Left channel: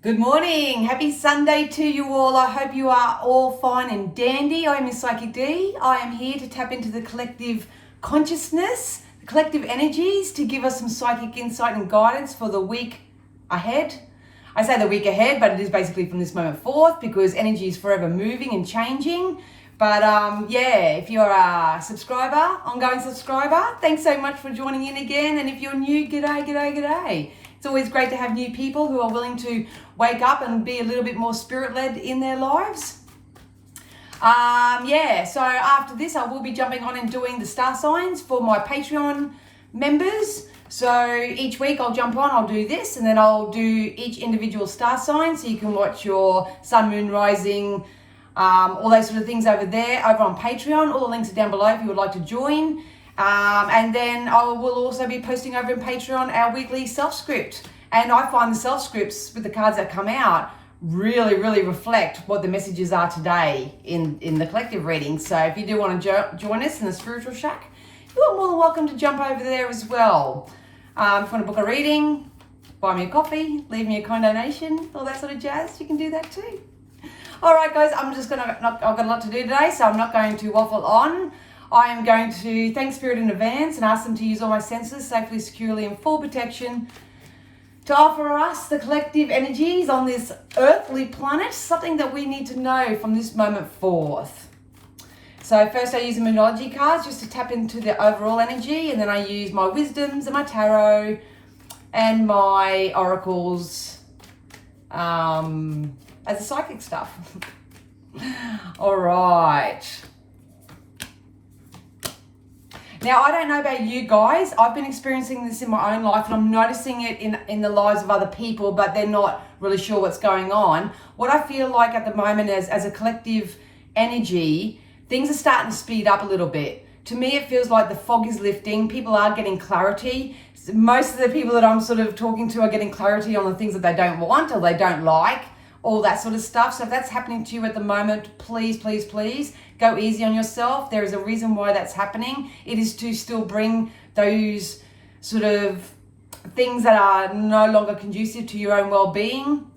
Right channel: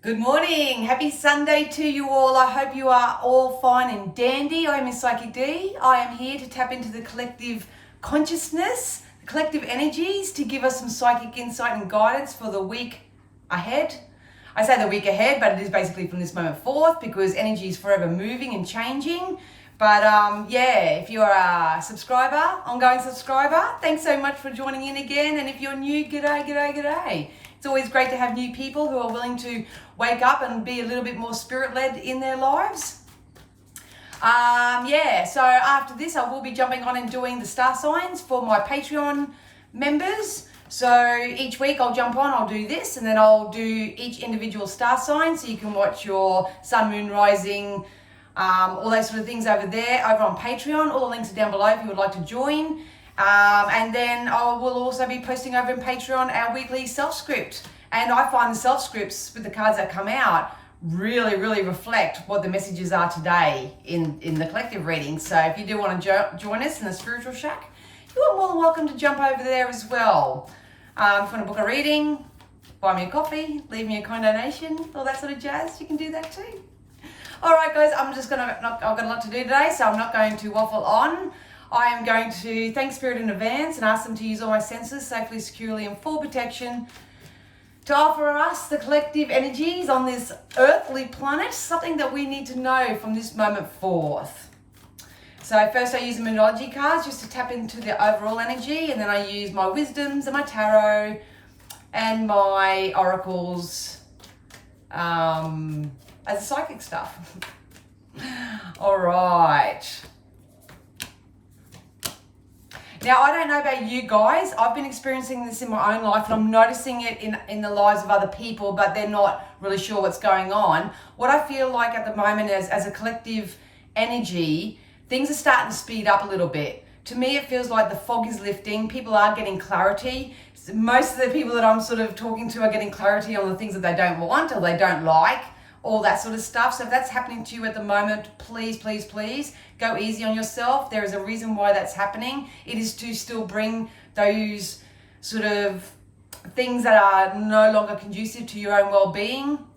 Good morning. Happy Sunday to you all. I hope you are all fine and dandy. I am Miss Psychic D. I am here to tap into the collective consciousness, the collective energies to give us some psychic insight and guidance for the week ahead. I say the week ahead, but it is basically from this moment forth because energy is forever moving and changing. But if you're a subscriber, ongoing subscriber, thanks so much for joining in again. And if you're new, g'day. It's always great to have new people who are willing to wake up and be a little bit more spirit-led in their lives. So after this, I will be jumping on and doing the star signs for my Patreon members. So each week I'll jump on, I'll do this, and then I'll do each individual star sign so you can watch your sun, moon, rising, all those sort of things over there, over on Patreon. All the links are down below if you would like to join. And then I will also be posting over in Patreon our weekly self-script. And I find the self-scripts with the cards that come out really, really reflect what the messages are today in the collective reading. So if you do want to join us in the Spiritual Shack, you are more than welcome to jump over there as well. If you want to book a reading, buy me a coffee, leave me a kind donation, all that sort of jazz, you can do that too. All right, guys, I've got a lot to do today, so I'm not going to waffle on. I am going to thank Spirit in advance and ask them to use all my senses safely, securely, and full protection to offer us, the collective energies on this earthly planet, something that we need to know from this moment forth. So first I use the Moonology cards just to tap into the overall energy, and then I use my wisdoms and my tarot and my oracles as the psychic stuff. All right. Now, I don't know about you guys. I've been experiencing this in my own life, and I'm noticing it in the lives of other people, but they're not really sure what's going on. What I feel like at the moment is, as a collective energy, things are starting to speed up a little bit. To me, it feels like the fog is lifting. People are getting clarity. Most of the people that I'm sort of talking to are getting clarity on the things that they don't want or they don't like, all that sort of stuff. So if that's happening to you at the moment, please go easy on yourself. There is a reason why that's happening. It is to still bring those sort of things that are no longer conducive to your own well-being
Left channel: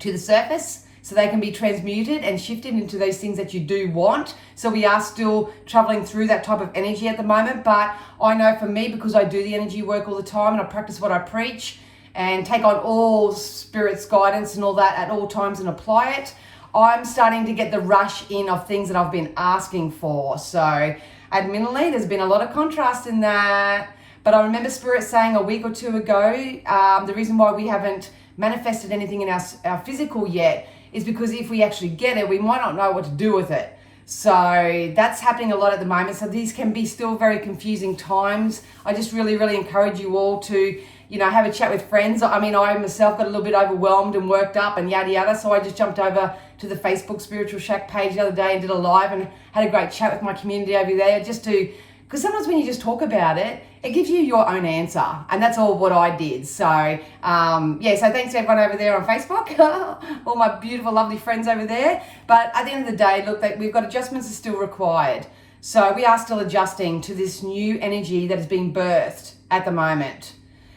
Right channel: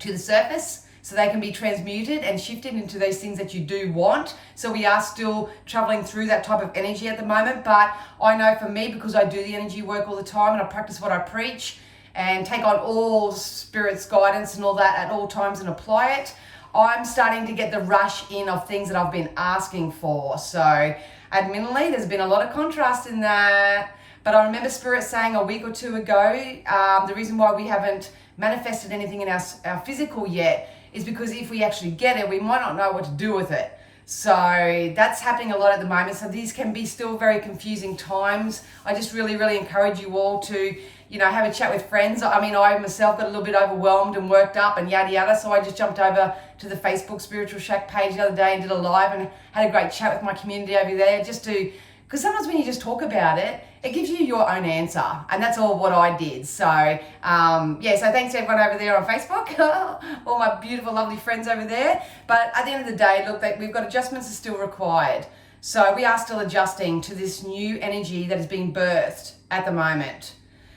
to the surface, so they can be transmuted and shifted into those things that you do want. So we are still traveling through that type of energy at the moment, but I know for me, because I do the energy work all the time and I practice what I preach and take on all Spirit's guidance and all that at all times and apply it, I'm starting to get the rush in of things that I've been asking for. So admittedly, there's been a lot of contrast in that. But I remember Spirit saying a week or two ago, the reason why we haven't manifested anything in our physical yet is because if we actually get it, we might not know what to do with it. So that's happening a lot at the moment. So these can be still very confusing times. I just really encourage you all to, have a chat with friends. I mean, I myself got a little bit overwhelmed and worked up and yada. So I just jumped over to the Facebook Spiritual Shack page the other day and did a live and had a great chat with my community over there because sometimes when you just talk about it, it gives you your own answer. And that's all what I did. So, so thanks to everyone over there on Facebook, all my beautiful, lovely friends over there. But at the end of the day, look, we've got adjustments are still required. So we are still adjusting to this new energy that is being birthed at the moment.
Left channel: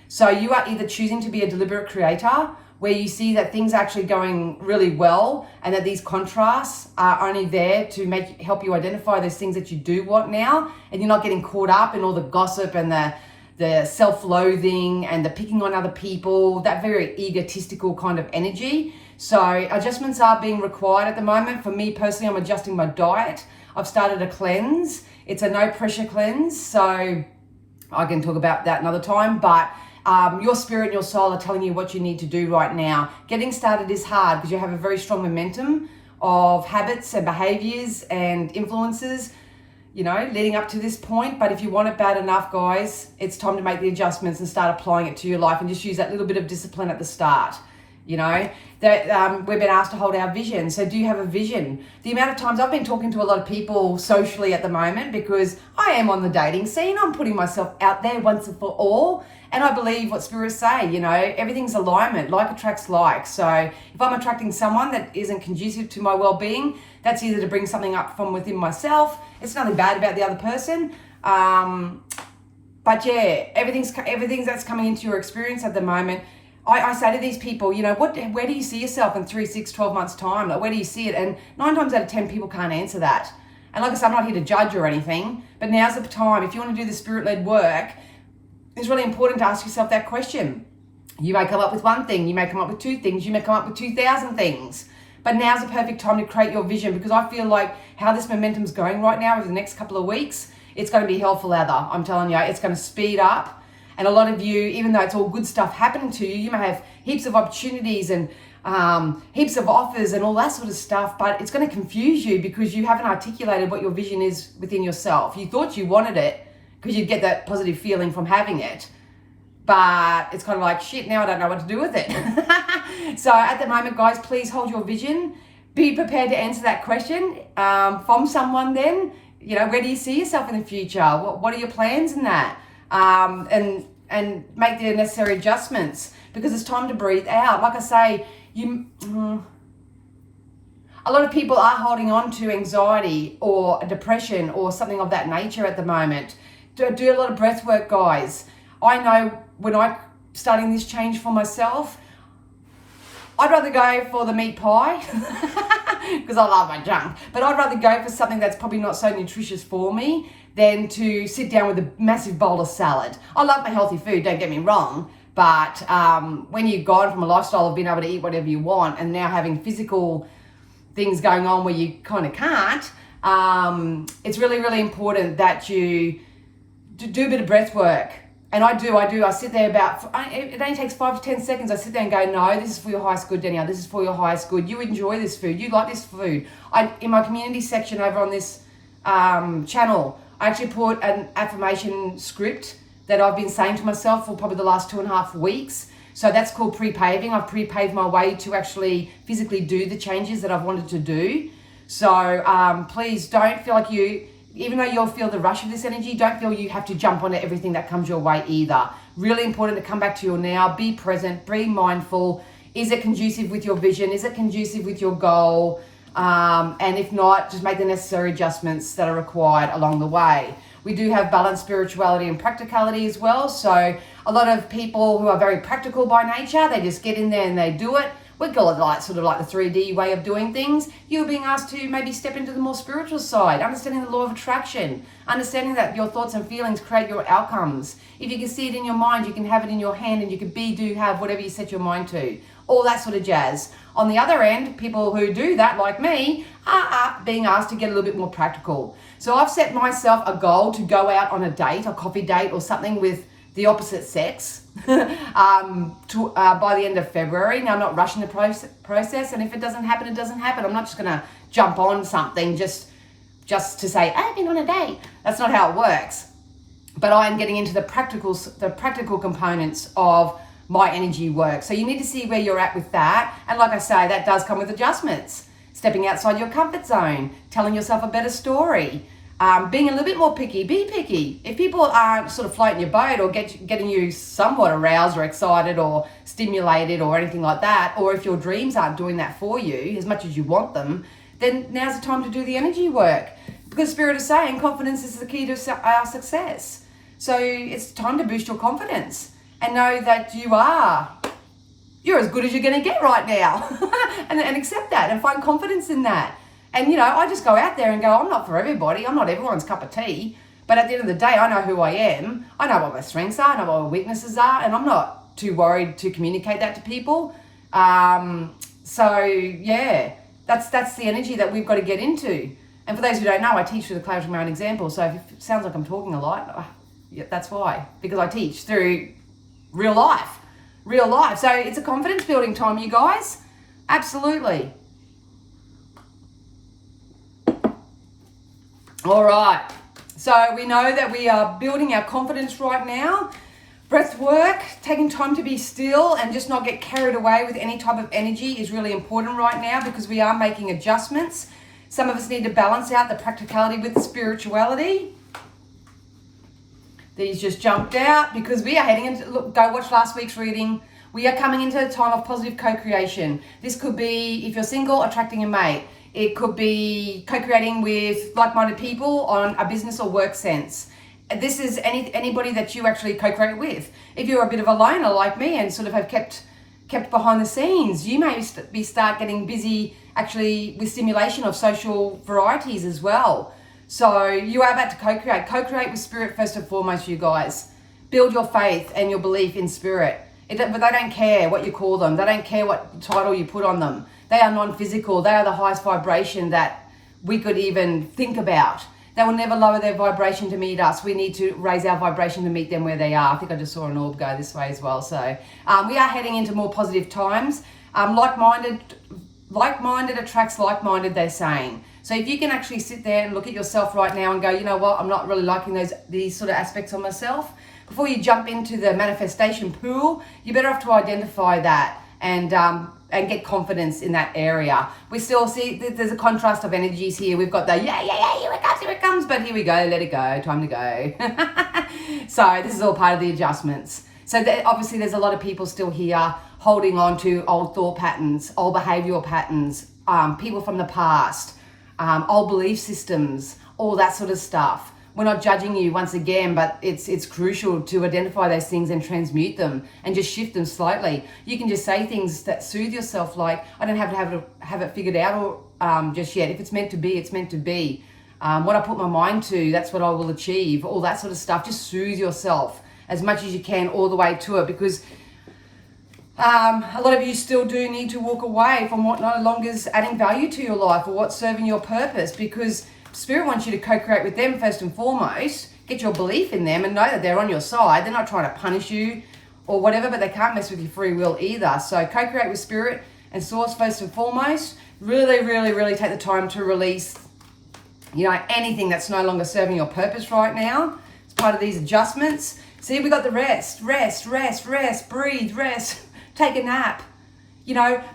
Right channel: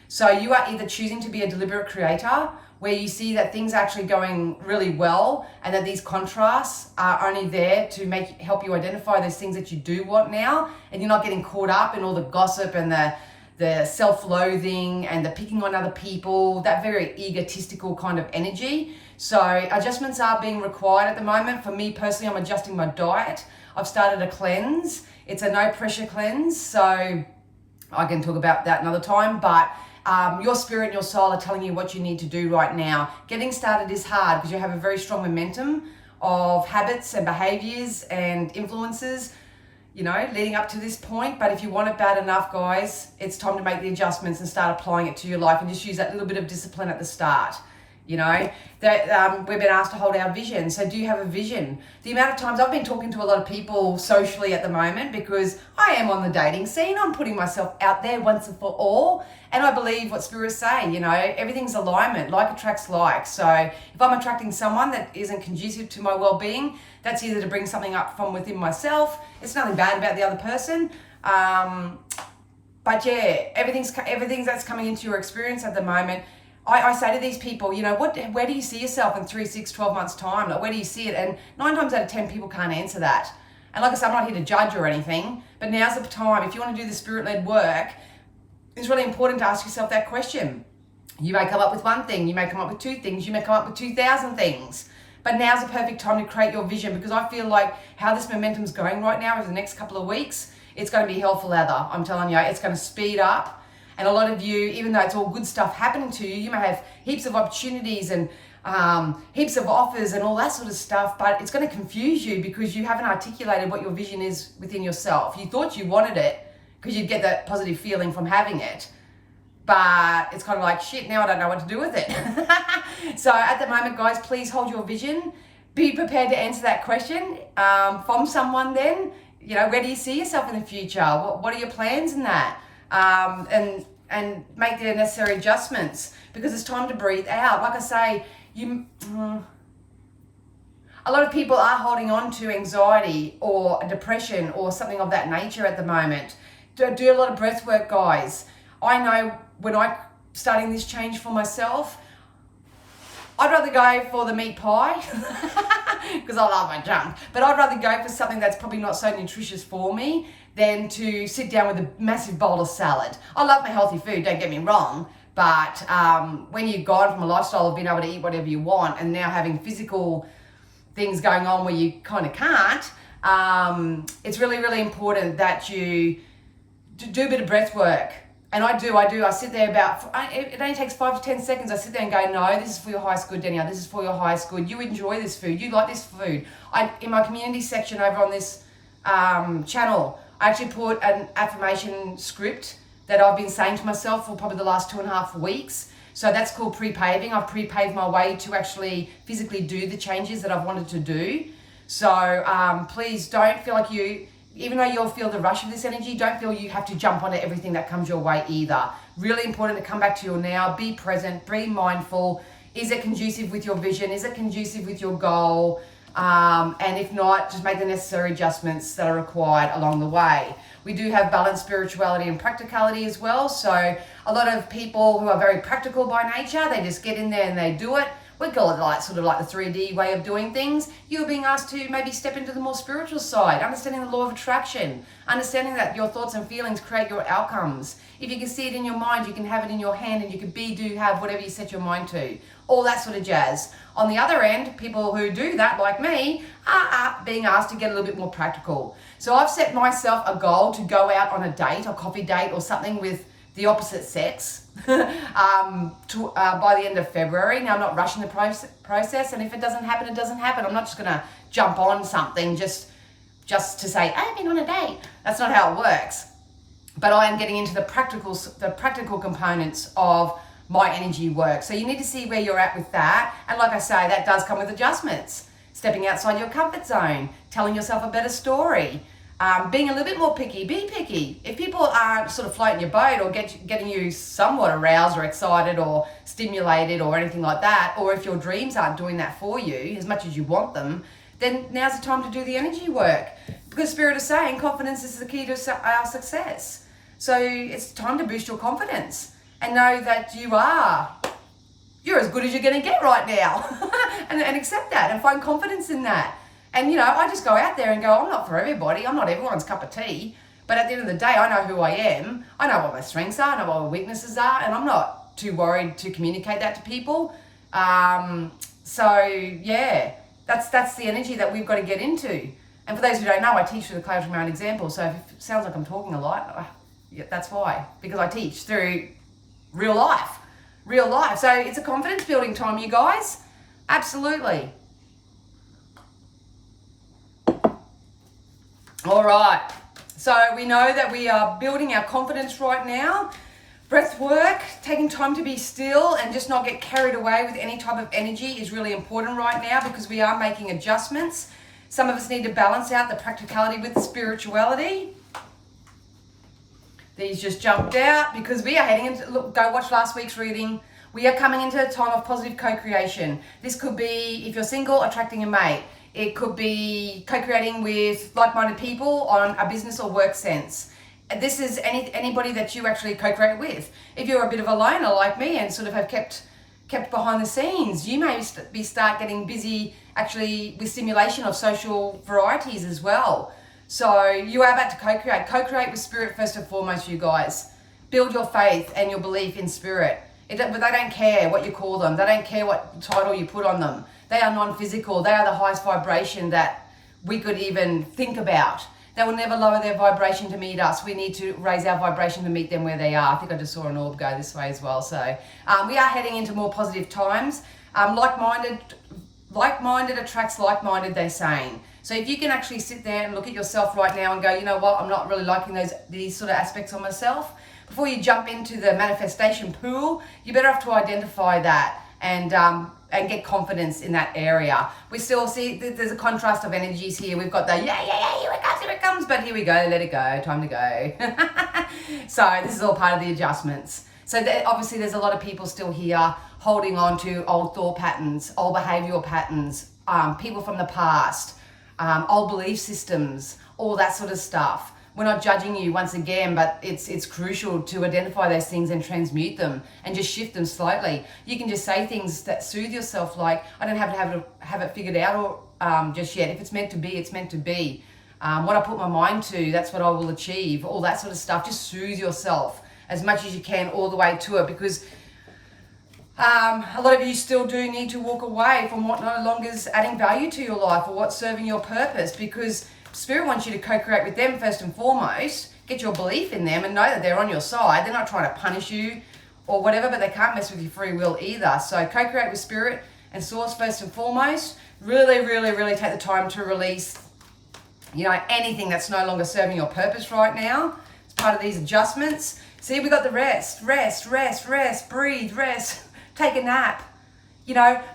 So you are either choosing to be a deliberate creator, where you see that things are actually going really well and that these contrasts are only there to help you identify those things that you do want now, and you're not getting caught up in all the gossip and the self-loathing and the picking on other people, that very egotistical kind of energy. So adjustments are being required at the moment. For me personally, I'm adjusting my diet. I've started a cleanse. It's a no pressure cleanse, so I can talk about that another time, but your spirit and your soul are telling you what you need to do right now. Getting started is hard because you have a very strong momentum of habits and behaviors and influences, leading up to this point. But if you want it bad enough, guys, it's time to make the adjustments and start applying it to your life and just use that little bit of discipline at the start. That we've been asked to hold our vision. So do you have a vision? The amount of times I've been talking to a lot of people socially at the moment, because I am on the dating scene, I'm putting myself out there once and for all. And I believe what spirits say, everything's alignment, like attracts like. So if I'm attracting someone that isn't conducive to my well-being, that's either to bring something up from within myself. It's nothing bad about the other person. But yeah, everything's that's coming into your experience at the moment I say to these people, you know, where do you see yourself in 3, 6, 12 months time? Like, where do you see it? And 9 times out of 10 people can't answer that. And like I said, I'm not here to judge or anything, but now's the time. If you want to do the spirit-led work, it's really important to ask yourself that question. You may come up with one thing, you may come up with 2 things, you may come up with 2,000 things. But now's the perfect time to create your vision, because I feel like how this momentum's going right now over the next couple of weeks, it's going to be hell for leather. I'm telling you, it's going to speed up. And a lot of you, even though it's all good stuff happening to you, you may have heaps of opportunities and heaps of offers and all that sort of stuff, but it's going to confuse you because you haven't articulated what your vision is within yourself. You thought you wanted it because you'd get that positive feeling from having it, but it's kind of like, shit, now I don't know what to do with it. So at the moment, guys, please hold your vision. Be prepared to answer that question from someone then. You know, where do you see yourself in the future? What are your plans in that? And make the necessary adjustments, because it's time to breathe out. Like I say, a lot of people are holding on to anxiety or depression or something of that nature at the moment. Do a lot of breath work, guys. I know when I starting this change for myself, I'd rather go for the meat pie because I love my junk, but I'd rather go for something that's probably not so nutritious for me than to sit down with a massive bowl of salad. I love my healthy food, don't get me wrong, but when you've gone from a lifestyle of being able to eat whatever you want and now having physical things going on where you kind of can't, it's really, really important that you do a bit of breath work. And I do. I sit there it only takes 5 to 10 seconds. I sit there and go, no, this is for your highest good, Danielle. This is for your highest good. You enjoy this food. You like this food. In my community section over on this channel, I actually put an affirmation script that I've been saying to myself for probably the last 2.5 weeks. So that's called pre-paving. I've pre-paved my way to actually physically do the changes that I've wanted to do. So please don't feel like even though you'll feel the rush of this energy, don't feel you have to jump onto everything that comes your way either. Really important to come back to your now, be present, be mindful. Is it conducive with your vision? Is it conducive with your goal? And if not, just make the necessary adjustments that are required along the way. We do have balanced spirituality and practicality as well. So a lot of people who are very practical by nature, they just get in there and they do it. We call it like sort of like the 3D way of doing things. You're being asked to maybe step into the more spiritual side, understanding the law of attraction, understanding that your thoughts and feelings create your outcomes. If you can see it in your mind, you can have it in your hand, and you can have whatever you set your mind to. All that sort of jazz. On the other end, people who do that, like me, are being asked to get a little bit more practical. So I've set myself a goal to go out on a date, a coffee date or something with the opposite sex by the end of February. Now, I'm not rushing the process, and if it doesn't happen, it doesn't happen. I'm not just going to jump on something just to say, I've been on a date. That's not how it works. But I am getting into the practical components of my energy work. So you need to see where you're at with that. And like I say, that does come with adjustments. Stepping outside your comfort zone, telling yourself a better story, being a little bit more picky. Be picky. If people aren't sort of floating your boat or getting you somewhat aroused or excited or stimulated or anything like that, or if your dreams aren't doing that for you as much as you want them, then now's the time to do the energy work. Because Spirit is saying confidence is the key to our success. So it's time to boost your confidence and know that you're as good as you're going to get right now. and accept that and find confidence in that. And, you know, I just go out there and go, I'm not for everybody. I'm not everyone's cup of tea. But at the end of the day, I know who I am. I know what my strengths are. I know what my weaknesses are. And I'm not too worried to communicate that to people. So, yeah, that's the energy that we've got to get into. And for those who don't know, I teach through the Clarity of My Own Example. So if it sounds like I'm talking a lot, that's why. Because I teach through real life. So it's a confidence building time, you guys. Absolutely. All right, so we know that we are building our confidence right now. Breath work, taking time to be still and just not get carried away with any type of energy is really important right now, because we are making adjustments. Some of us need to balance out the practicality with the spirituality. These just jumped out because we are heading into, go watch last week's reading. We are coming into a time of positive co-creation. This could be, if you're single, attracting a mate. It could be co-creating with like-minded people on a business or work sense. This is anybody that you actually co-create with. If you're a bit of a loner like me and sort of have kept kept behind the scenes. You may start getting busy actually with stimulation of social varieties as well. So you are about to co-create with spirit first and foremost, you guys. Build your faith and your belief in spirit. But they don't care what you call them. They don't care what title you put on them. They are non-physical. They are the highest vibration that we could even think about. They will never lower their vibration to meet us. We need to raise our vibration to meet them where they are. I think I just saw an orb go this way as well. So we are heading into more positive times. Like-minded attracts like-minded, they're saying. So if you can actually sit there and look at yourself right now and go, you know what, I'm not really liking these sort of aspects of myself. Before you jump into the manifestation pool, you're better off to identify that and get confidence in that area. We still see there's a contrast of energies here. We've got the here it comes, but here we go, let it go, time to go. So this is all part of the adjustments. So obviously there's a lot of people still here holding on to old thought patterns, old behavioral patterns, people from the past, old belief systems, all that sort of stuff. We're not judging you once again, but it's crucial to identify those things and transmute them and just shift them slightly. You can just say things that soothe yourself, like, I don't have to have it figured out or just yet. If it's meant to be, it's meant to be. What I put my mind to, that's what I will achieve. All that sort of stuff. Just soothe yourself as much as you can all the way to it, because a lot of you still do need to walk away from what no longer is adding value to your life or what's serving your purpose, because Spirit wants you to co-create with them first and foremost, get your belief in them and know that they're on your side. They're not trying to punish you or whatever, but they can't mess with your free will either. So co-create with Spirit and Source first and foremost. Really, really, really take the time to release, anything that's no longer serving your purpose right now. It's part of these adjustments. See, we got the rest, breathe, rest, take a nap.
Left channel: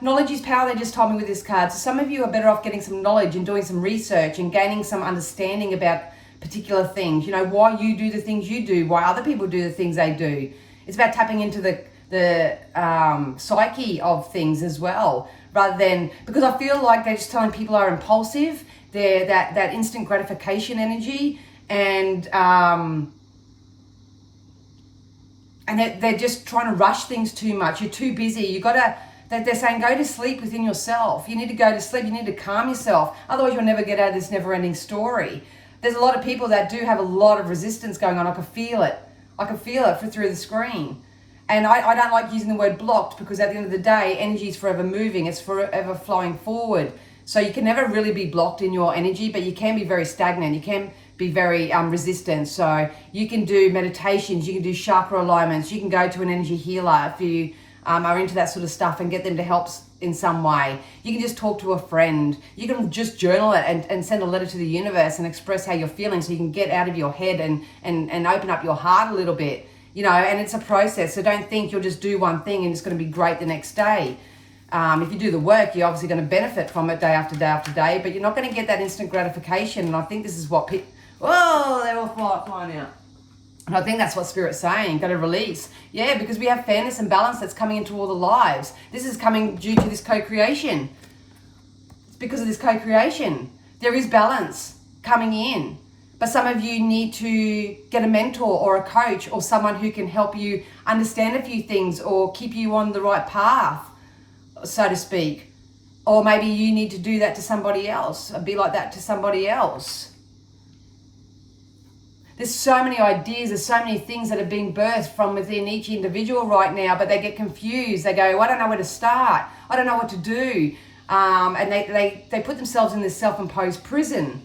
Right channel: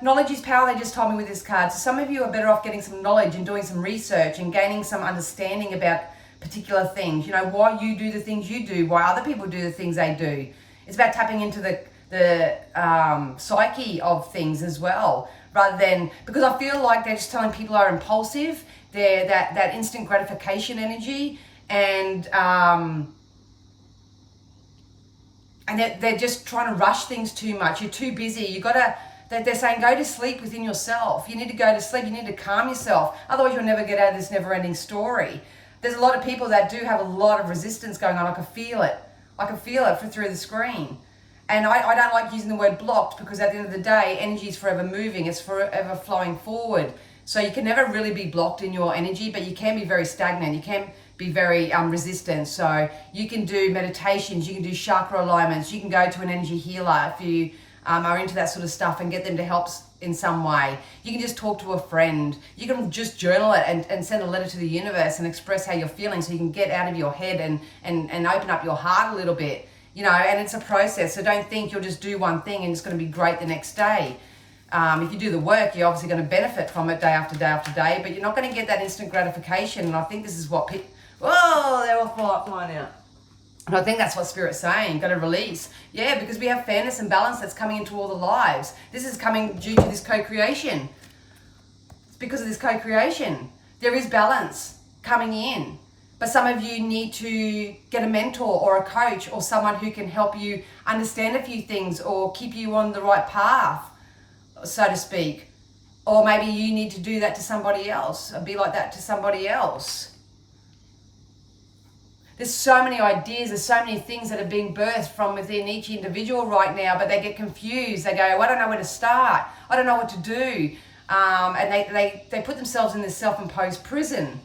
Knowledge is power, they just told me with this card. So some of you are better off getting some knowledge and doing some research and gaining some understanding about particular things. Why you do the things you do, why other people do the things they do. It's about tapping into the psyche of things as well, rather than, because I feel like they're just telling people are impulsive, they're that instant gratification energy, and they're just trying to rush things too much. You're too busy. They're saying go to sleep within yourself. You need to go to sleep. You need to calm yourself. Otherwise, you'll never get out of this never-ending story. There's a lot of people that do have a lot of resistance going on. I can feel it. Through the screen. And I don't like using the word blocked, because at the end of the day, energy is forever moving. It's forever flowing forward. So you can never really be blocked in your energy, but you can be very stagnant. You can be very resistant. So you can do meditations. You can do chakra alignments. You can go to an energy healer if you are into that sort of stuff and get them to help in some way. You can just talk to a friend. You can just journal it and send a letter to the universe and express how you're feeling, so you can get out of your head and open up your heart a little bit, and it's a process. So don't think you'll just do one thing and it's going to be great the next day. If you do the work, you're obviously going to benefit from it day after day after day, but you're not going to get that instant gratification. And I think this is what they're all flying out. And I think that's what Spirit's saying, got to release. Yeah, because we have fairness and balance that's coming into all the lives. This is coming due to this co-creation. It's because of this co-creation. There is balance coming in. But some of you need to get a mentor or a coach or someone who can help you understand a few things or keep you on the right path, so to speak. Or maybe you need to do that to somebody else, or be like that to somebody else. There's so many ideas, there's so many things that are being birthed from within each individual right now, but they get confused. They go, I don't know where to start. I don't know what to do. And they put themselves in this self-imposed prison,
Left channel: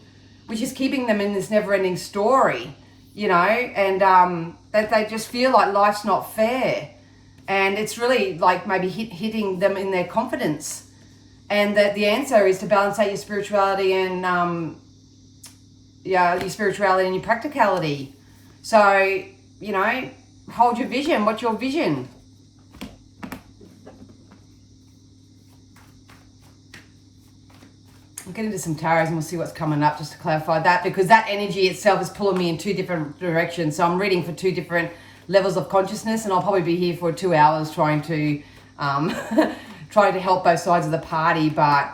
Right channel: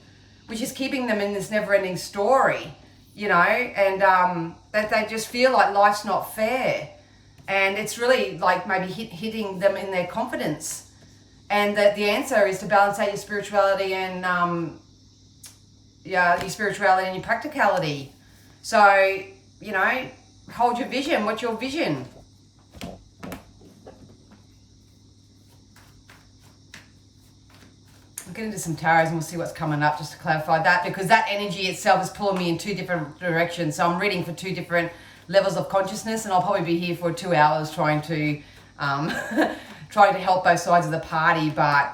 which is keeping them in this never-ending story, and that they just feel like life's not fair. And it's really like maybe hitting them in their confidence. And that the answer is to balance out your spirituality and your spirituality and your practicality. So, hold your vision. What's your vision? I'll get into some tarots and we'll see what's coming up, just to clarify that, because that energy itself is pulling me in two different directions. So I'm reading for two different levels of consciousness, and I'll probably be here for 2 hours trying to help both sides of the party. But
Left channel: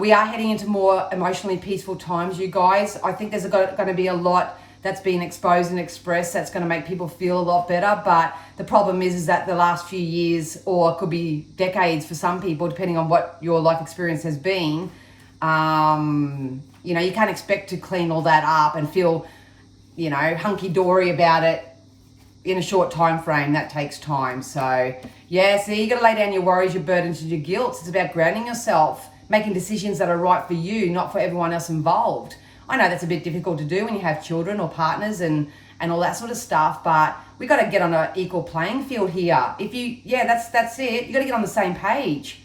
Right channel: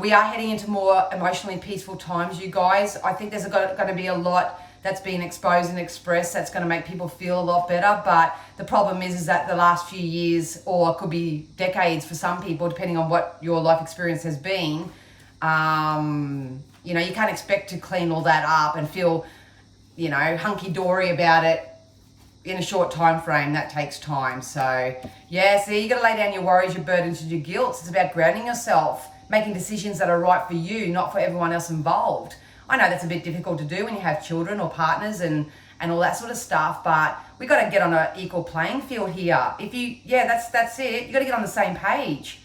we are heading into more emotionally peaceful times, you guys. I think there's going to be a lot that's been exposed and expressed that's going to make people feel a lot better. But the problem is that the last few years, or it could be decades for some people, depending on what your life experience has been, you know, you can't expect to clean all that up and feel, you know, hunky-dory about it in a short time frame. That takes time. So yeah, so you got to lay down your worries, your burdens, and your guilt. It's about grounding yourself, making decisions that are right for you, not for everyone else involved. I know that's a bit difficult to do when you have children or partners and all that sort of stuff, but we got to get on an equal playing field here. If you, yeah, that's it. You got to get on the same page,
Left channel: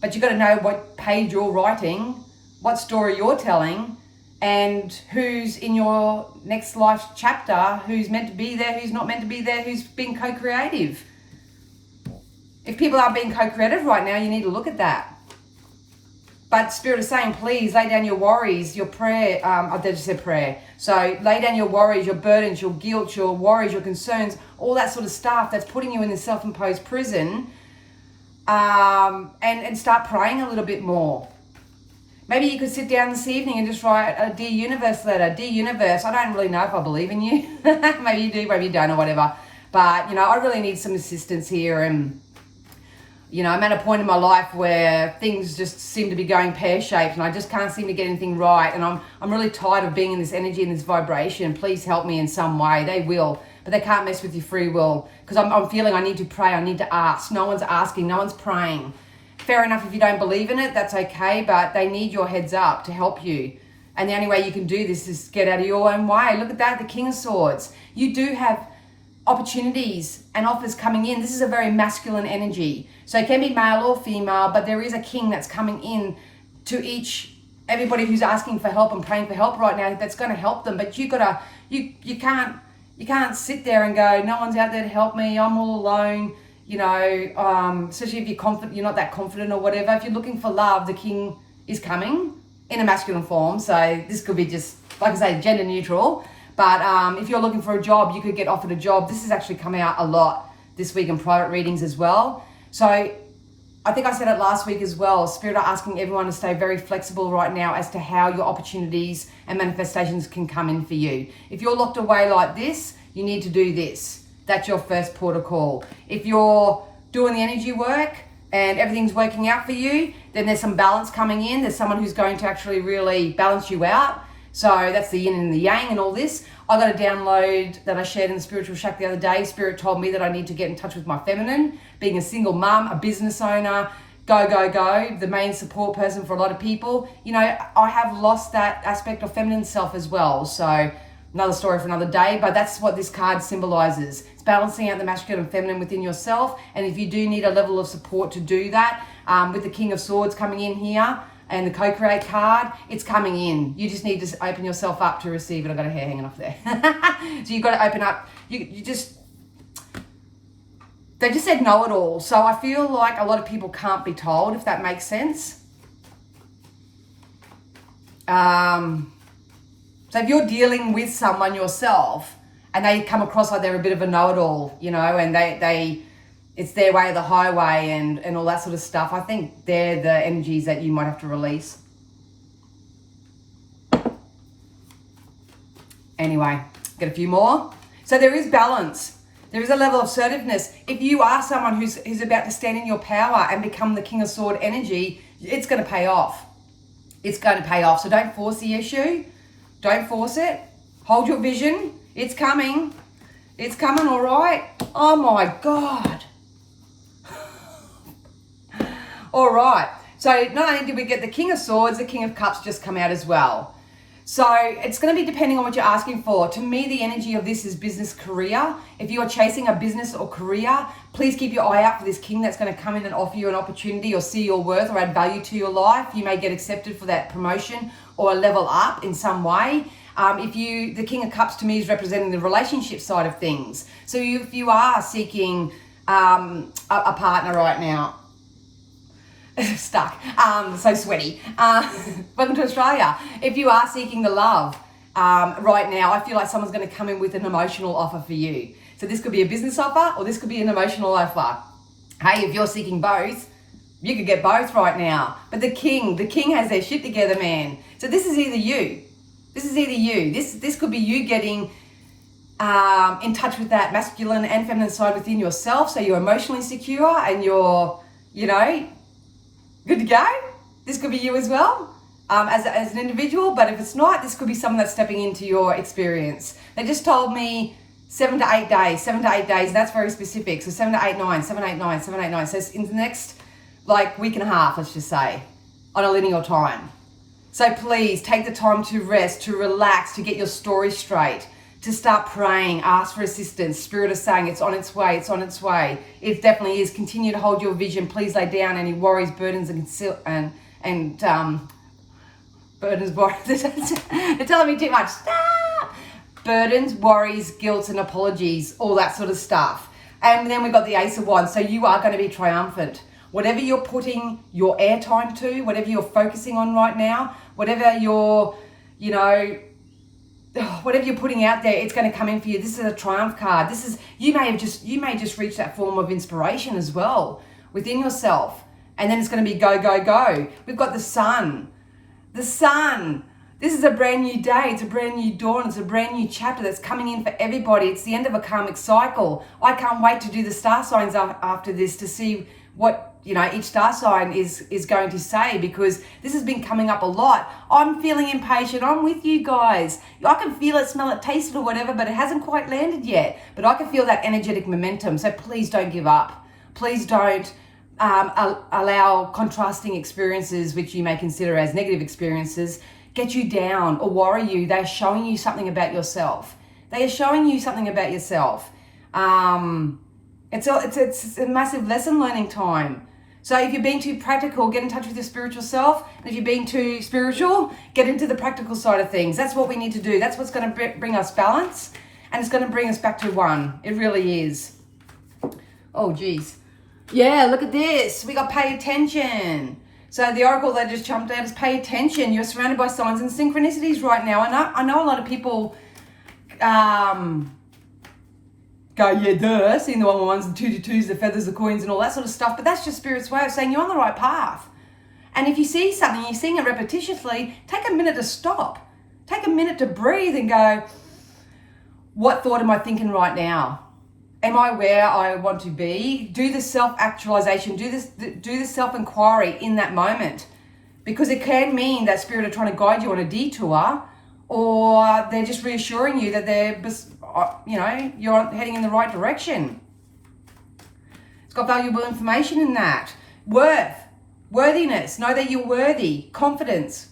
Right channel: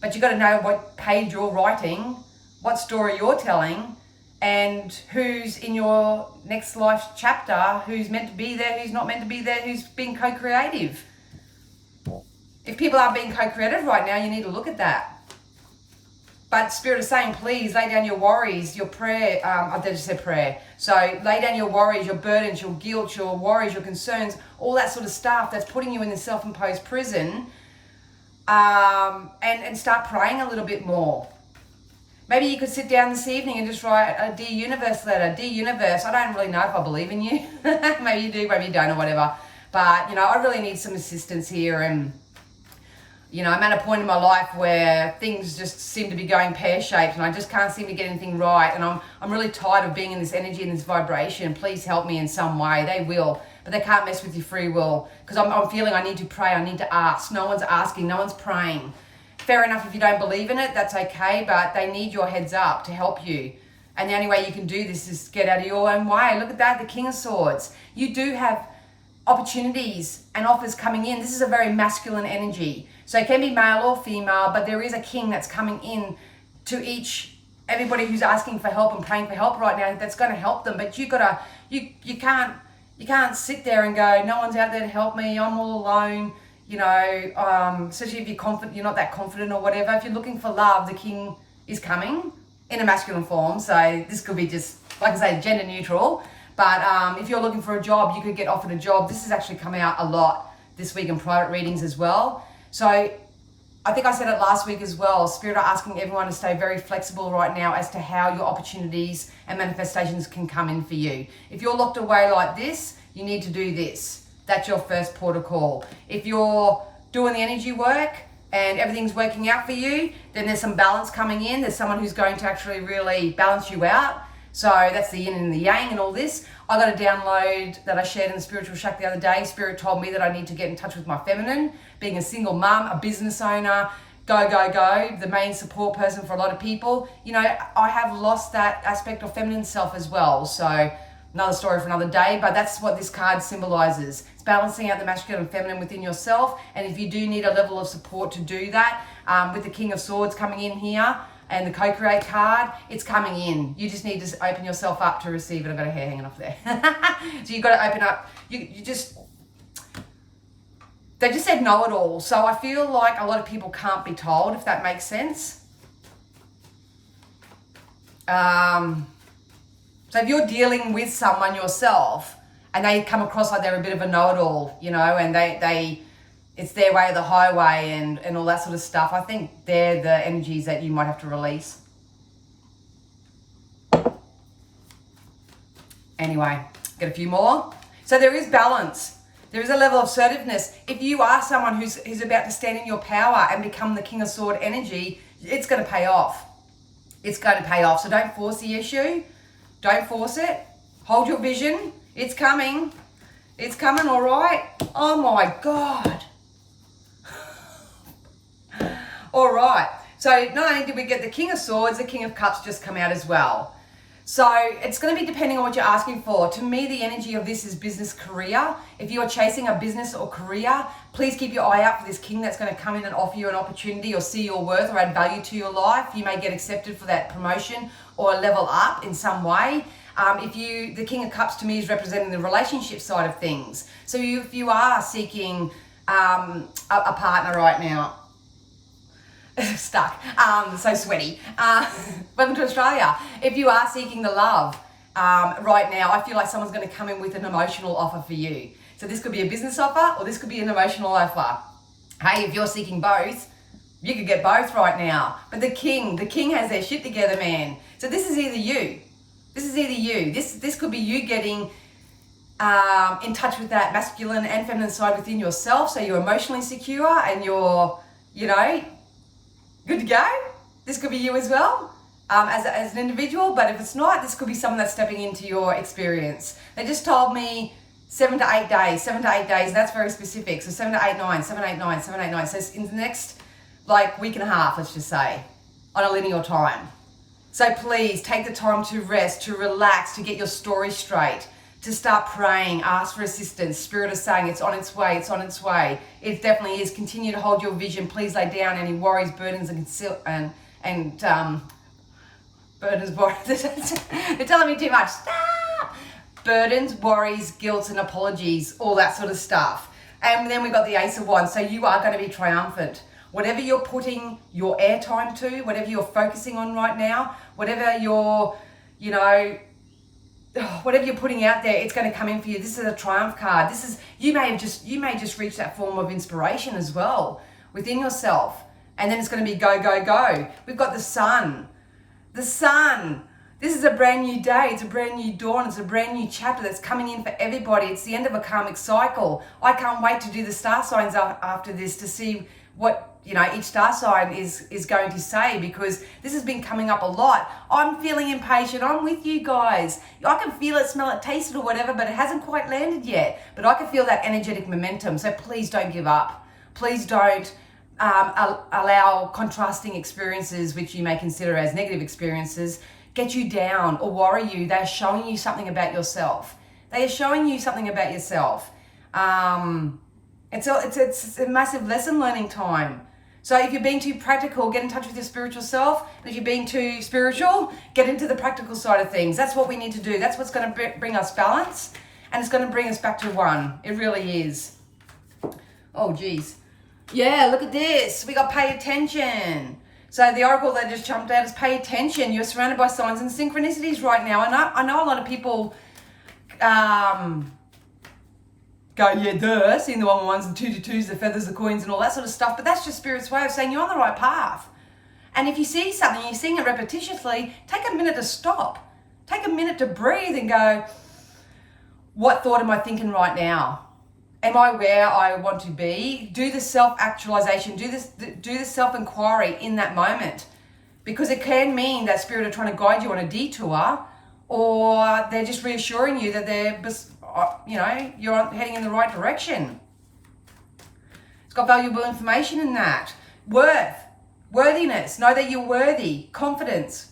but you got to know what page you're writing, what story you're telling, and who's in your next life chapter, who's meant to be there, who's not meant to be there, who's being co-creative. If people aren't being co-creative right now, you need to look at that. But Spirit is saying, please lay down your worries, your prayer. I just said prayer. So lay down your worries, your burdens, your guilt, your worries, your concerns, all that sort of stuff that's putting you in this self-imposed prison, and start praying a little bit more. Maybe you could sit down this evening and just write a Dear Universe letter. Dear Universe, I don't really know if I believe in you. Maybe you do, maybe you don't, or whatever. But, you know, I really need some assistance here. And, you know, I'm at a point in my life where things just seem to be going pear-shaped and I just can't seem to get anything right. And I'm really tired of being in this energy and this vibration. Please help me in some way. They will, but they can't mess with your free will. Because I'm feeling I need to pray, I need to ask. No one's asking, no one's praying. Fair enough, if you don't believe in it, that's okay, but they need your heads up to help you. And the only way you can do this is get out of your own way. Look at that, the King of Swords. You do have opportunities and offers coming in. This is a very masculine energy. So it can be male or female, but there is a king that's coming in to everybody who's asking for help and praying for help right now, that's going to help them. But you can't sit there and go, no one's out there to help me, I'm all alone. You know, especially if you're not that confident or whatever. If you're looking for love, the king is coming in a masculine form. So this could be just, like I say, gender neutral. But if you're looking for a job, you could get offered a job. This has actually come out a lot this week in private readings as well. So I think I said it last week as well. Spirit are asking everyone to stay very flexible right now as to how your opportunities and manifestations can come in for you. If you're locked away like this, you need to do this. That's your first port of call. If you're doing the energy work and everything's working out for you, then there's some balance coming in. There's someone who's going to actually really balance you out. So that's the yin and the yang and all this. I got a download that I shared in the Spiritual Shack the other day. Spirit told me that I need to get in touch with my feminine, being a single mum, a business owner, go, the main support person for a lot of people. You know, I have lost that aspect of feminine self as well. So another story for another day, but that's what this card symbolizes. It's balancing out the masculine and feminine within yourself. And if you do need a level of support to do that, with the King of Swords coming in here and the co-create card, it's coming in. You just need to open yourself up to receive it. I've got a hair hanging off there. So you've got to open up. They just said know it all. So I feel like a lot of people can't be told, if that makes sense. So if you're dealing with someone yourself and they come across like they're a bit of a know-it-all, you know, and it's their way or the highway and all that sort of stuff, I think they're the energies that you might have to release. Anyway, get a few more. So there is balance. There is a level of assertiveness. If you are someone who's about to stand in your power and become the King of Sword energy, it's going to pay off. It's going to pay off. So don't force the issue. Don't force it. Hold your vision. It's coming. It's coming, all right? Oh, my God. All right. So not only did we get the King of Swords, the King of Cups just come out as well. So it's going to be depending on what you're asking for. To me, the energy of this is business career. If you're chasing a business or career, please keep your eye out for this king that's going to come in and offer you an opportunity or see your worth or add value to your life. You may get accepted for that promotion or level up in some way. The King of Cups to me is representing the relationship side of things. So if you are seeking a partner right now, stuck, so sweaty. Welcome to Australia. If you are seeking the love right now, I feel like someone's going to come in with an emotional offer for you. So this could be a business offer or this could be an emotional offer. Hey, if you're seeking both, you could get both right now. But the king has their shit together, man. So this is either you. This could be you getting in touch with that masculine and feminine side within yourself, so you're emotionally secure and you're, good to go. This could be you as well, as an individual, but if it's not, this could be someone that's stepping into your experience. They just told me 7 to 8 days, that's very specific. So 7 to 8, 9, 7, 8, 9, 7, 8, 9. So it's in the next week and a half, let's just say, on a linear time. So please take the time to rest, to relax, to get your story straight, to start praying, ask for assistance. Spirit is saying it's on its way, it's on its way. It definitely is. Continue to hold your vision. Please lay down any worries, burdens, and burdens, worries. They're telling me too much. Stop! Burdens, worries, guilt, and apologies, all that sort of stuff. And then we got the Ace of Wands. So you are going to be triumphant. Whatever you're putting your airtime to, whatever you're focusing on right now, whatever you're, whatever you're putting out there, it's going to come in for you. This is a triumph card. This is, you may just reach that form of inspiration as well within yourself. And then it's going to be go, go, go. We've got the sun. The sun. This is a brand new day. It's a brand new dawn. It's a brand new chapter that's coming in for everybody. It's the end of a karmic cycle. I can't wait to do the star signs after this to see what each star sign is going to say, because this has been coming up a lot. I'm feeling impatient. I'm with you guys. I can feel it, smell it, taste it or whatever, but it hasn't quite landed yet. But I can feel that energetic momentum. So please don't give up. Please don't allow contrasting experiences, which you may consider as negative experiences, get you down or worry you. They're showing you something about yourself. They are showing you something about yourself. It's a massive lesson learning time. So if you're being too practical, get in touch with your spiritual self. And if you're being too spiritual, get into the practical side of things. That's what we need to do. That's what's going to bring us balance, and it's going to bring us back to one. It really is. Oh, geez. Yeah, look at this. We got pay attention. So the oracle that just jumped out is pay attention. You're surrounded by signs and synchronicities right now. I know a lot of people go, yeah, duh, seeing the 111s, the 222s, the feathers, the coins, and all that sort of stuff. But that's just Spirit's way of saying you're on the right path. And if you see something, you're seeing it repetitiously, take a minute to stop. Take a minute to breathe and go, what thought am I thinking right now? Am I where I want to be? Do the self-actualization, do the self-inquiry in that moment. Because it can mean that Spirit are trying to guide you on a detour, or they're just reassuring you that you're heading in the right direction. It's got valuable information in that. Worthiness, know that you're worthy. Confidence.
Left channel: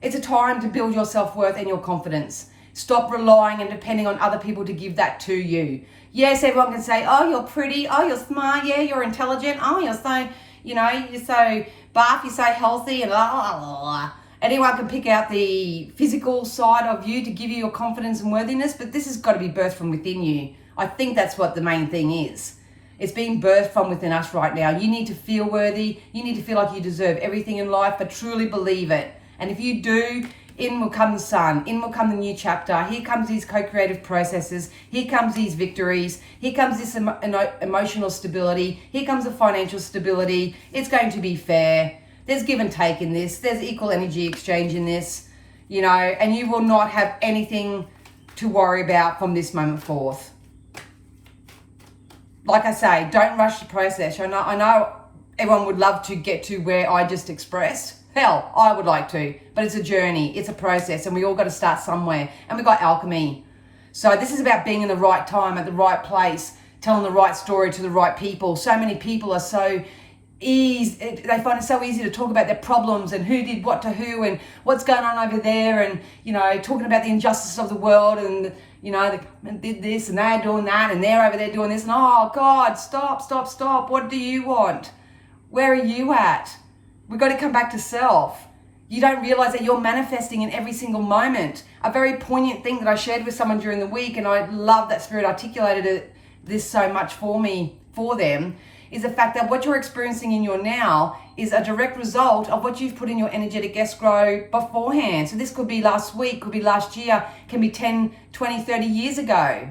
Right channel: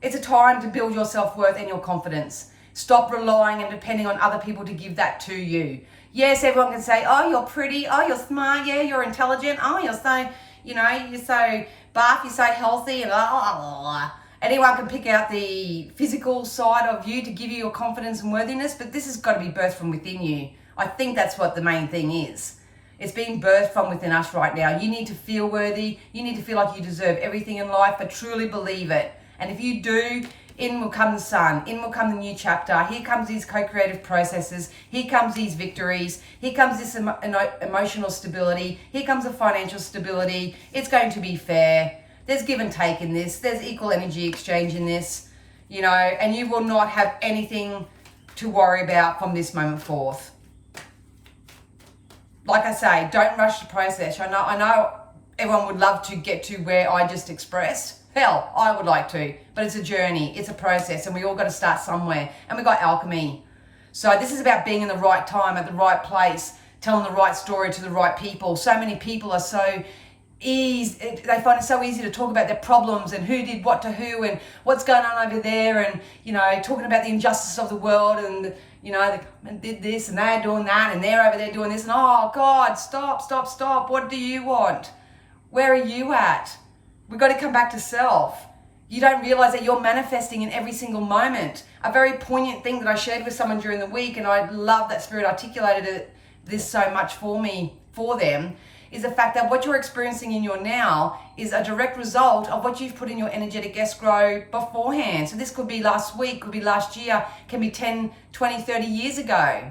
It's a time to build your self-worth and your confidence. Stop relying and depending on other people to give that to you. Yes, everyone can say, oh, you're pretty, oh, you're smart, yeah, you're intelligent, oh, you're so, you're so buff, you're so healthy, and blah, blah, blah. Anyone can pick out the physical side of you to give you your confidence and worthiness, but this has got to be birthed from within you. I think that's what the main thing is. It's being birthed from within us right now. You need to feel worthy. You need to feel like you deserve everything in life, but truly believe it. And if you do, in will come the sun. In will come the new chapter. Here comes these co-creative processes. Here comes these victories. Here comes this emotional stability. Here comes the financial stability. It's going to be fair. There's give and take in this. There's equal energy exchange in this, and you will not have anything to worry about from this moment forth. Like I say, don't rush the process. I know everyone would love to get to where I just expressed. Hell, I would like to, but it's a journey, it's a process, and we all got to start somewhere. And we got alchemy. So this is about being in the right time, at the right place, telling the right story to the right people. So many people are so easy, they find it so easy to talk about their problems and who did what to who and what's going on over there, and talking about the injustice of the world, and they did this and they're doing that and they're over there doing this, and oh God, stop, what do you want? Where are you at? We've got to come back to self. You don't realize that you're manifesting in every single moment. A very poignant thing that I shared with someone during the week, and I love that Spirit articulated this so much for them, is the fact that what you're experiencing in your now is a direct result of what you've put in your energetic escrow beforehand. So this could be last week, could be last year, can be 10, 20, 30 years ago.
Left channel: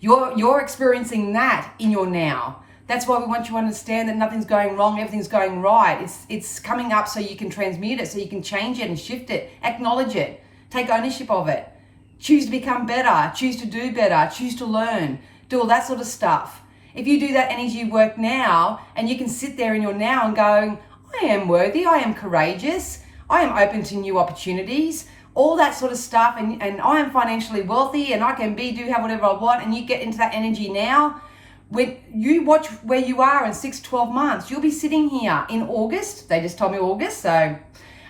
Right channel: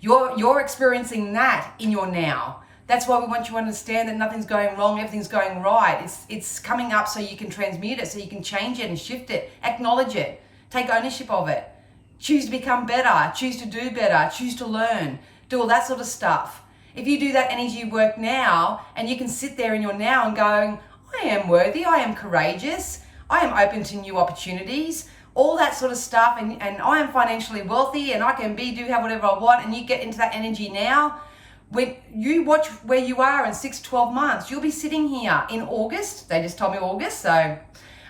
You're experiencing that in your now. That's why we want you to understand that nothing's going wrong, everything's going right. It's coming up so you can transmute it, so you can change it and shift it, acknowledge it, take ownership of it. Choose to become better, choose to do better, choose to learn, do all that sort of stuff. If you do that energy work now, and you can sit there in your now and going, I am worthy, I am courageous, I am open to new opportunities, all that sort of stuff, and I am financially wealthy, and I can have whatever I want, and you get into that energy now. When you watch where you are in 6-12 months, you'll be sitting here in August, they just told me August, so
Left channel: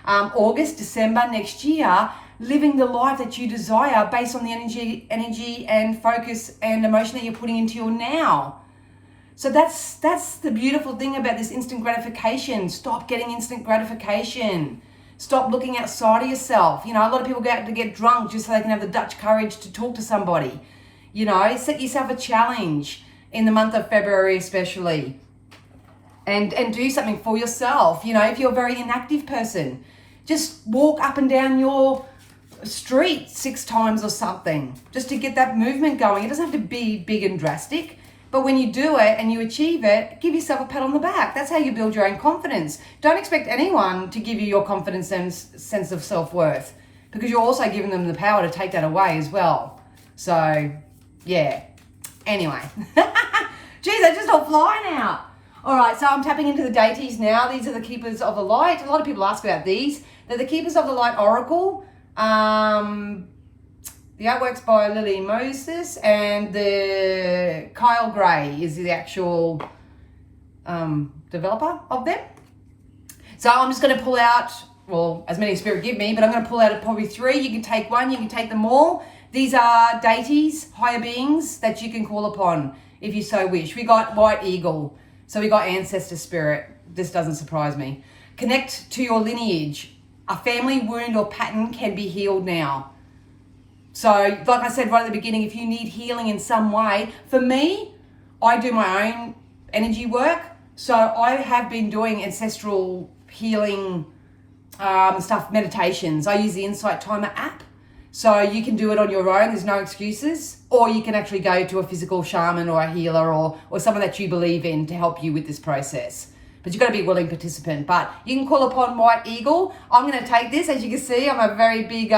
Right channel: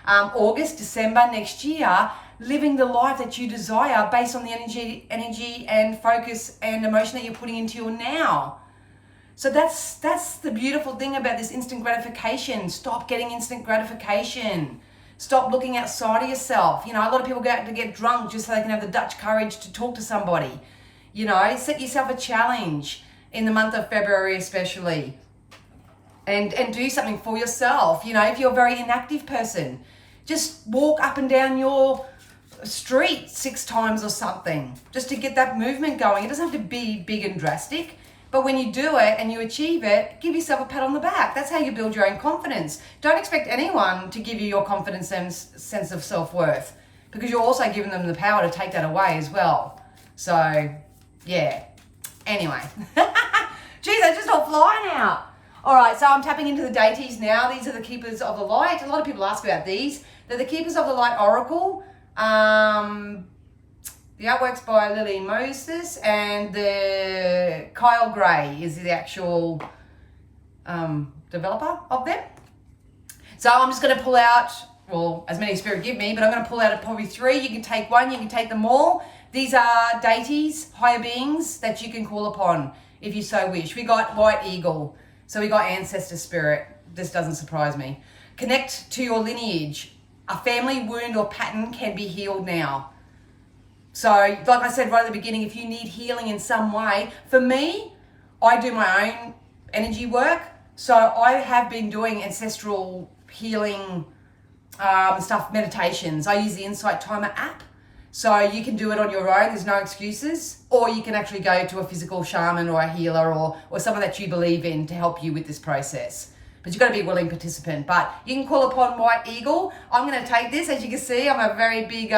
August, December next year, living the life that you desire based on the energy and focus and emotion that you're putting into your now. So that's the beautiful thing about this instant gratification. Stop getting instant gratification. Stop looking outside of yourself. You know, a lot of people go out to get drunk just so they can have the Dutch courage to talk to somebody. You know, set yourself a challenge in the month of February especially. And do something for yourself. You know, if you're a very inactive person, just walk up and down your street 6 times or something, just to get that movement going. It doesn't have to be big and drastic, but when you do it and you achieve it, give yourself a pat on the back. That's how you build your own confidence. Don't expect anyone to give you your confidence and sense of self-worth, because you're also giving them the power to take that away as well. So yeah, anyway. Geez, I just all flying out. All right, so I'm tapping into the deities now. These are the keepers of the light. A lot of people ask about these. They're the keepers of the light oracle. The artwork's by Lily Moses, and the Kyle Gray is the actual developer of them. So I'm just going to pull out, well, as many as Spirit give me, but I'm going to pull out probably 3. You can take one, you can take them all. These are deities, higher beings that you can call upon if you so wish. We got White Eagle, so we got Ancestor Spirit. This doesn't surprise me. Connect to your lineage. A family wound or pattern can be healed now. So, like I said right at the beginning, if you need healing in some way, for me, I do my own energy work. So I have been doing ancestral healing stuff, meditations. I use the Insight Timer app. So you can do it on your own, there's no excuses. Or you can actually go to a physical shaman or a healer or someone that you believe in to help you with this process. But you've got to be a willing participant. But you can call upon White Eagle. I'm going to take this. As you can see, I'm a very big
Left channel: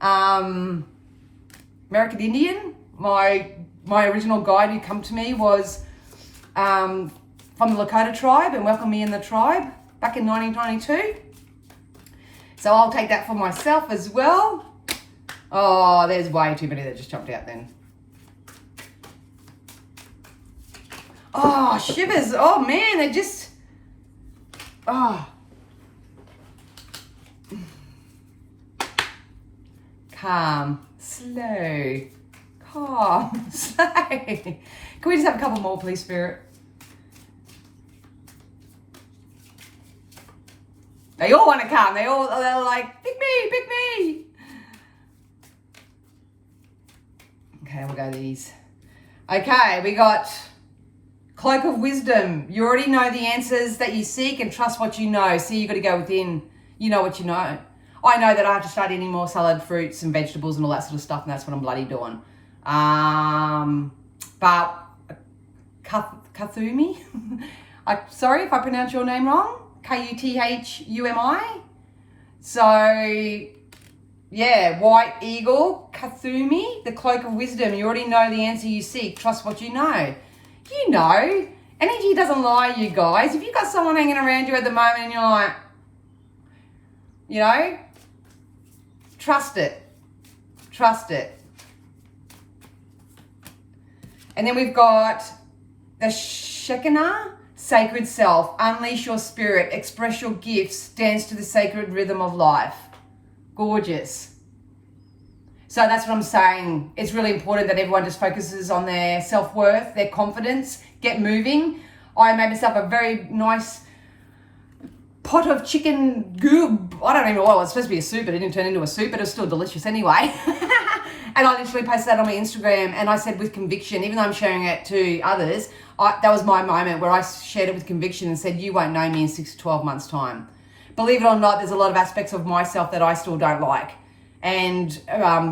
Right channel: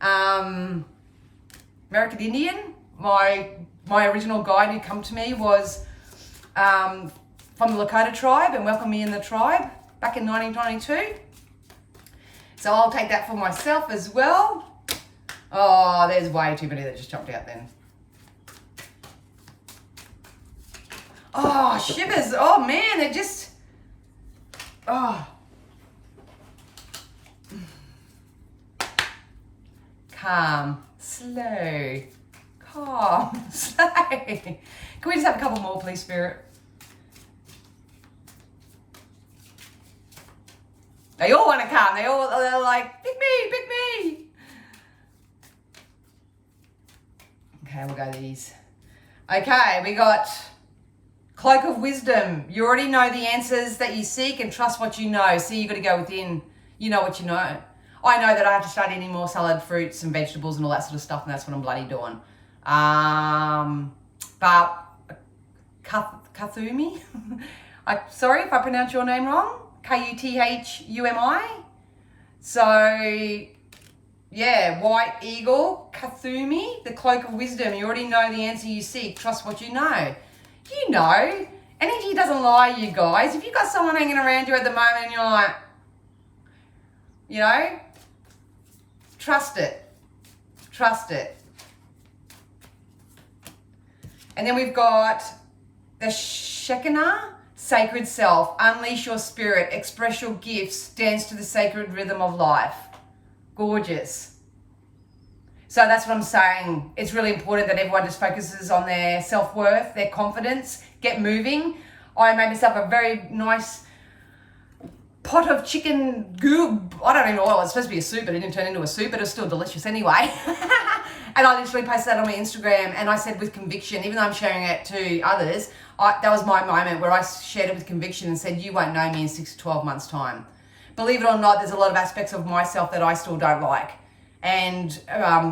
American Indian. My original guide who come to me was from the Lakota tribe and welcomed me in the tribe back in 1992. So I'll take that for myself as well. Oh, there's way too many that just jumped out then. Oh, shivers. Oh, man, they just... Oh. Calm, slow, calm, slow. Can we just have a couple more, please, Spirit? They all want to come. They're like, pick me. Okay, we'll go these. Okay, we got Cloak of Wisdom. You already know the answers that you seek and trust what you know. See, you got to go within. You know what you know. I know that I have to start eating more salad, fruits and vegetables and all that sort of stuff, and that's what I'm bloody doing. But Kathumi, sorry if I pronounce your name wrong. Kuthumi. So, yeah, White Eagle, Kathumi, the Cloak of Wisdom. You already know the answer you seek. Trust what you know. You know, energy doesn't lie, you guys. If you've got someone hanging around you at the moment and you're like, you know, trust it. Trust it. And then we've got the Shekinah, Sacred Self. Unleash your spirit. Express your gifts. Dance to the sacred rhythm of life. Gorgeous. So that's what I'm saying. It's really important that everyone just focuses on their self-worth, their confidence, get moving. I made myself a very nice pot of chicken goob. I don't even know what it was supposed to be, a soup, but it didn't turn into a soup, but it was still delicious anyway. And I literally posted that on my Instagram, and I said with conviction, even though I'm sharing it to others, that was my moment where I shared it with conviction and said, you won't know me in 6 to 12 months' time. Believe it or not, there's a lot of aspects of myself that I still don't like. And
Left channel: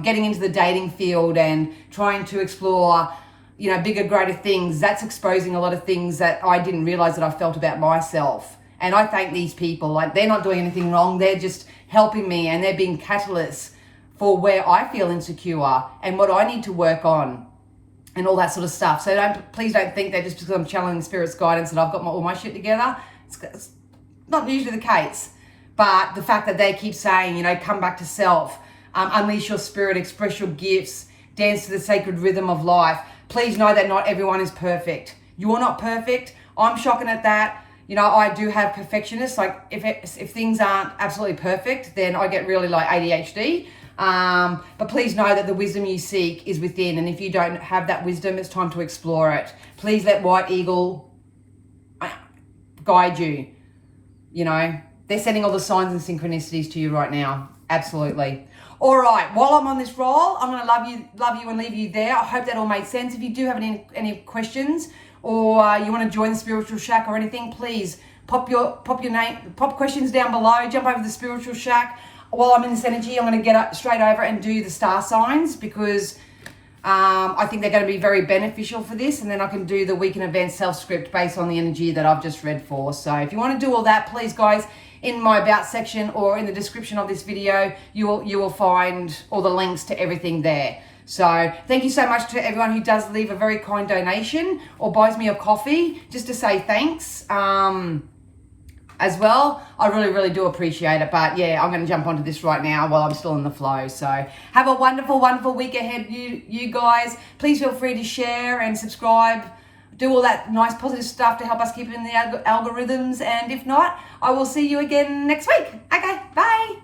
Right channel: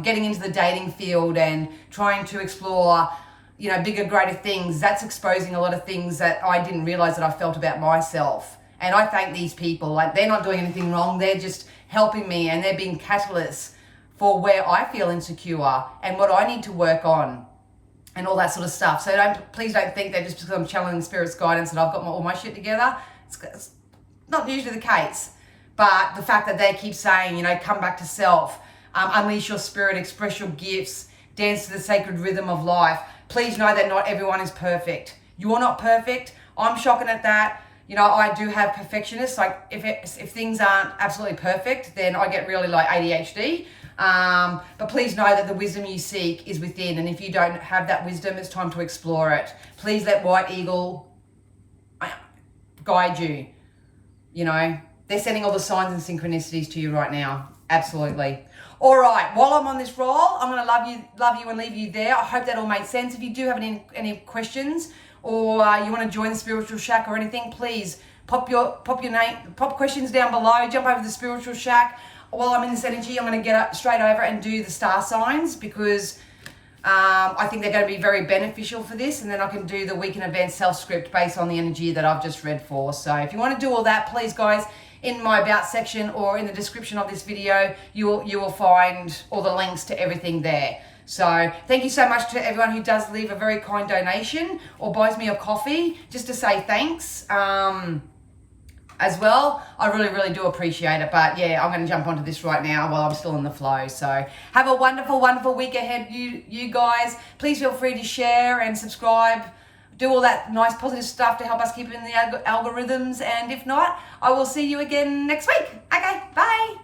getting into the dating field and trying to explore, you know, bigger, greater things, that's exposing a lot of things that I didn't realize that I felt about myself. And I thank these people. Like, they're not doing anything wrong. They're just helping me, and they're being catalysts for where I feel insecure and what I need to work on and all that sort of stuff. So please don't think that just because I'm channeling Spirit's guidance and I've got all my shit together. It's not usually the case. But the fact that they keep saying, you know, come back to self, unleash your spirit, express your gifts, dance to the sacred rhythm of life. Please know that not everyone is perfect. You're not perfect. I'm shocking at that. You know, I do have perfectionists. Like if things aren't absolutely perfect, then I get really like ADHD. But please know that the wisdom you seek is within. And if you don't have that wisdom, it's time to explore it. Please let White Eagle guide you. You know, they're sending all the signs and synchronicities to you right now. Absolutely. All right. While I'm on this roll, I'm going to love you and leave you there. I hope that all made sense. If you do have any questions or you want to join the Spiritual Shack or anything, please pop your name, pop questions down below. Jump over to the Spiritual Shack. While I'm in this energy, I'm going to get straight over and do the star signs because I think they're going to be very beneficial for this, and then I can do the week in advance self-script based on the energy that I've just read for. So if you want to do all that, please guys, in my about section or in the description of this video, you will find all the links to everything there. So thank you so much to everyone who does leave a very kind donation or buys me a coffee just to say thanks as well. I really do appreciate it. But yeah, I'm going to jump onto this right now while I'm still in the flow. So have a wonderful week ahead, you guys. Please feel free to share and subscribe. Do all that nice positive stuff to help us keep in the algorithms. And if not, I will see you again next week. Okay, bye.